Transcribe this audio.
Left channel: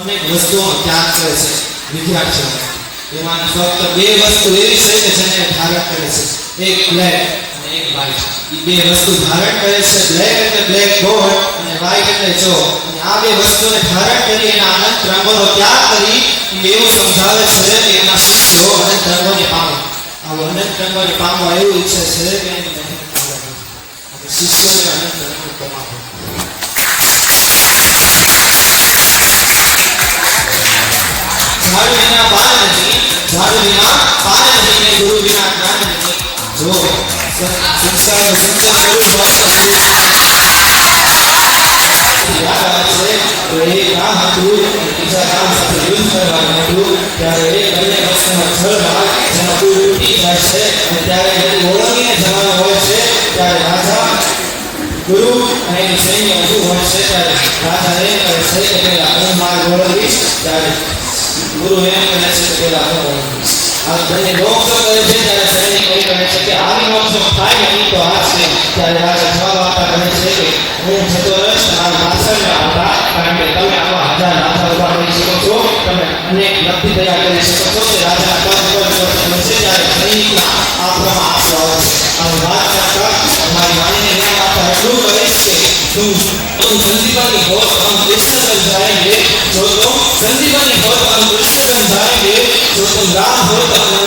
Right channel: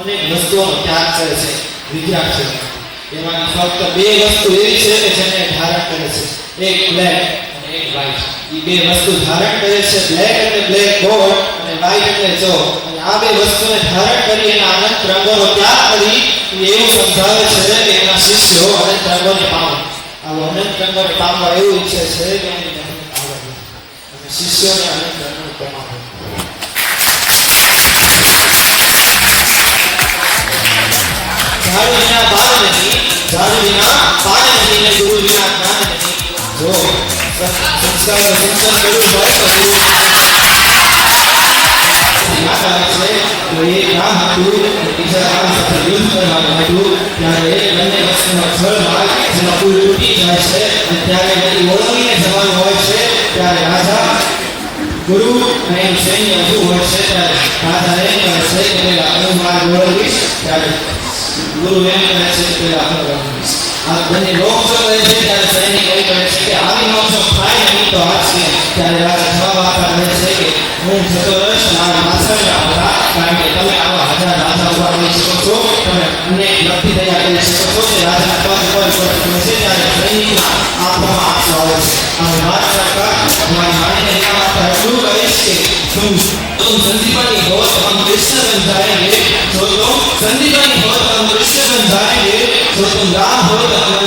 અનેક વસ્તુઓનો ત્યાગ કરે છે વિદ્યાર્થીઓ એમાં ફક્ત બે વસ્તુ એવી છે કે જેને ધારણ કરે છે એક બ્લેક અને એક વ્હાઇટ એ બે વસ્તુ ધારણ કરે છે બ્લેક એટલે બ્લેક ગોળ અને વ્હાઇટ એટલે જો અને આ બે વસ્તુને ધારણ કરી એના અનંત રંગોનો ત્યાગ કરી એવું સમજાવે છે કે એના શિષ્યો અનંત રંગોને પામે આવો અનંત રંગોને પામવા એવું ઈચ્છે છે કે એની શિષ્યોને અનંત રંગોને પામે ઝાડુ વિના પાન નથી ઝાડુ વિના પાન નથી ને ગુરુ વિના જ્ઞાન નથી જો સંસ્કારનું સિંચન કરવું હોય તો ગુરુ યાદ આવે છે તો એ કામ હતું બીજા કામ સાથે યુદ્ધ કરવાનું હતું ત્યારે એ બંને વસ્તુમાં છળમાં જેમાં પુલ તૂટી જાય છે અને ત્યારે એની ઓળંગીને જવાનું હોય છે ત્યારે રાજા ગુરુ અને એનું સૈન્ય બધું હોય છે ત્યારે રાજા એને કહે છે કે પેલા હું મારે ઓળંગીશ ત્યારે ગુરુ એમ કહે છે કે પેલા ઓળંગીશ આ બંને લોક જો કહે છે ત્યારે સૈનિક એ કહે છે કે આની મોક્ષ થાય નહીં તો આ છે ત્યારે રાજા જવાબ આપતા કહે છે કે હું થતો રસ મારા પાછળને આવતા કારણ કે તમે આવા હજાર રાજા ઉભા કરી શકો છો તમે અનેક લબ્ધિ તૈયાર કરી શકો છો તે રાજાના પાંચ વર્ષ છે ત્યારે સૈનિકના આપવામાં આપશો આવે છે અને વાત કરતા અમારી વાણીને નિયમ આપતા એટલું કહીશ કે તું संदीपानी बहुत हम कृष्ण बन जाएंगे जो तुम संदीपानी बहुत हम कृष्ण बन जाएंगे जो तुम राम हो तो